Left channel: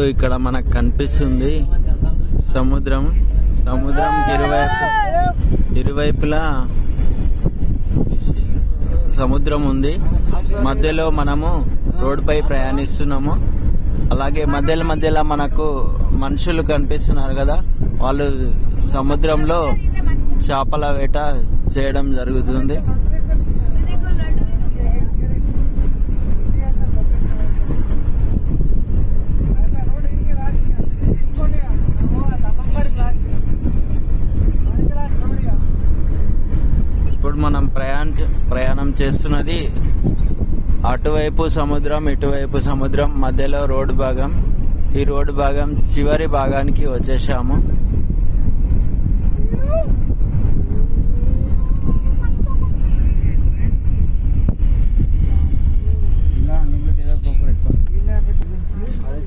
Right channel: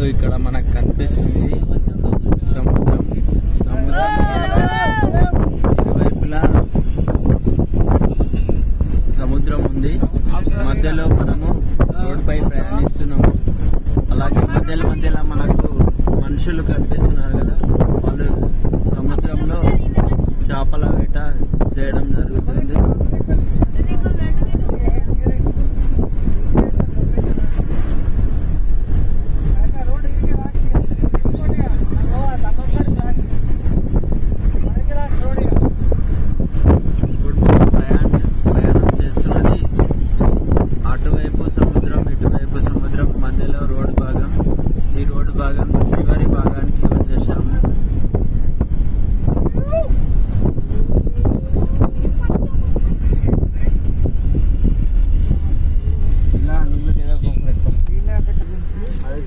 ఇప్పుడు ఇక్కడ మనకు కనిపిస్తుంది సముద్రం. సముద్రం ఇరువైపులా సముద్రం ఉంది. మధ్యలో మనము రోడ్డుపై ప్రయాణిస్తున్నాము. అలాగే మధ్యలో మనకు మనుషులు కనిపిస్తున్నారు కదా, వాళ్ళు సముద్రంలో చేపల వేట చేయడం జరుగుతుంది. ఇప్పుడు మనం ప్రయాణం చేస్తున్నది అటువైపు సముద్రం, ఇటువైపు సముద్రం, మధ్యలో రోడ్డు భాగం. ఈ రోడ్డు భాగం చివరి భాగానికి వచ్చేసాము.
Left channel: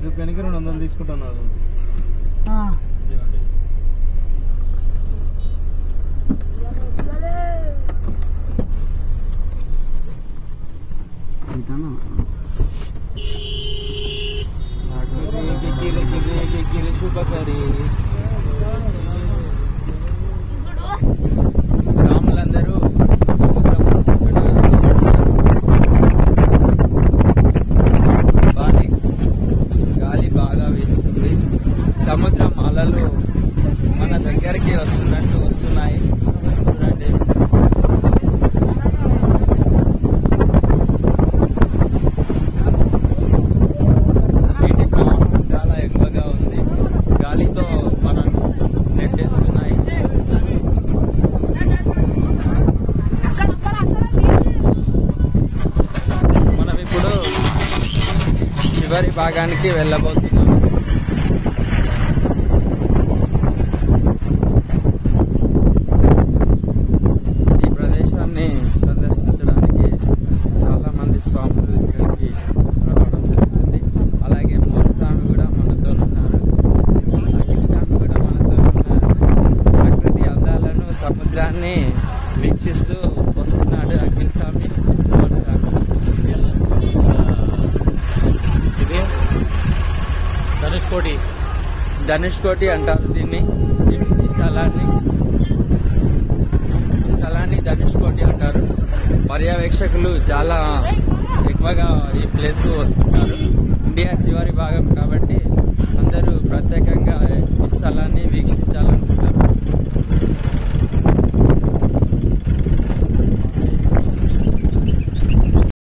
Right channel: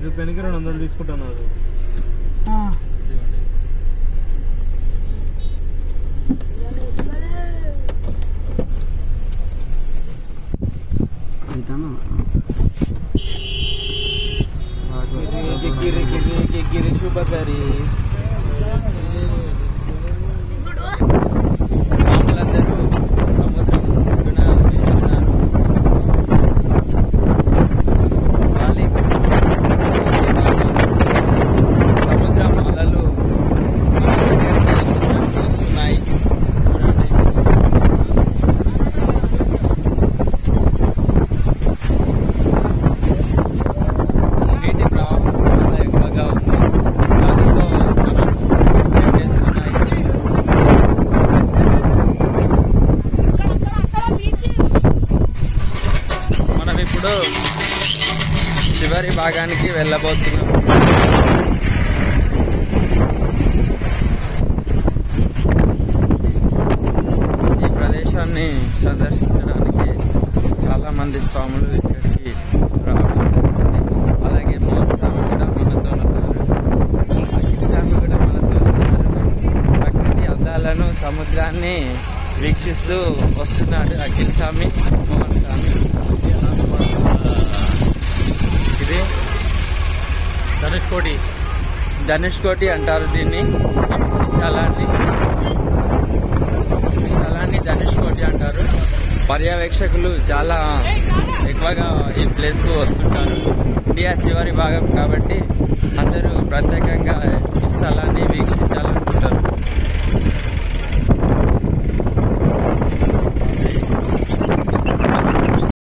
చూపానికి 200 తీసుకుంటున్నారు. మామూలందరూ సముద్రం సముద్రం అలలు మన దగ్గరికి వస్తున్నాయి. చూడండి, నీటి ప్రవాహం చాలా ఎక్కువగా ఉంది. గాలితో మనం ఎండేస్తున్నాయి. మనం ఇప్పుడు చివరి భాగానికి వెళ్ళబోతున్నాం. ఈ ప్రదేశాన్ని సందర్శించడానికి చాలా మంది స్వాములు ఇక్కడికి రావడం జరుగుతుంది. అలాగే మోహన్ స్వామి కూడా మనతో ఉన్నారు, అఖిల్ స్వామి కూడా మనతో ఉన్నారు. ప్రకృతి అందాలను, సముద్రాన్ని వీక్షిస్తూ వస్తున్నాడు అఖిల్ స్వామి, మోహన్ స్వామి. ఇది ధనుష్కోటి అంటారు దీన్ని. ఈ స్థలాన్ని ధనుష్కోటి అంటారు. పర్యవేక్షకులు చాలా ఎక్కువగా ఈ ప్లేస్కు వస్తుంటారు. ఇండియా చివరి భాగం కాబట్టి అందరూ ప్రత్యేకంగా ఈ స్థలాన్ని వీక్షించాలనుకుంటారు.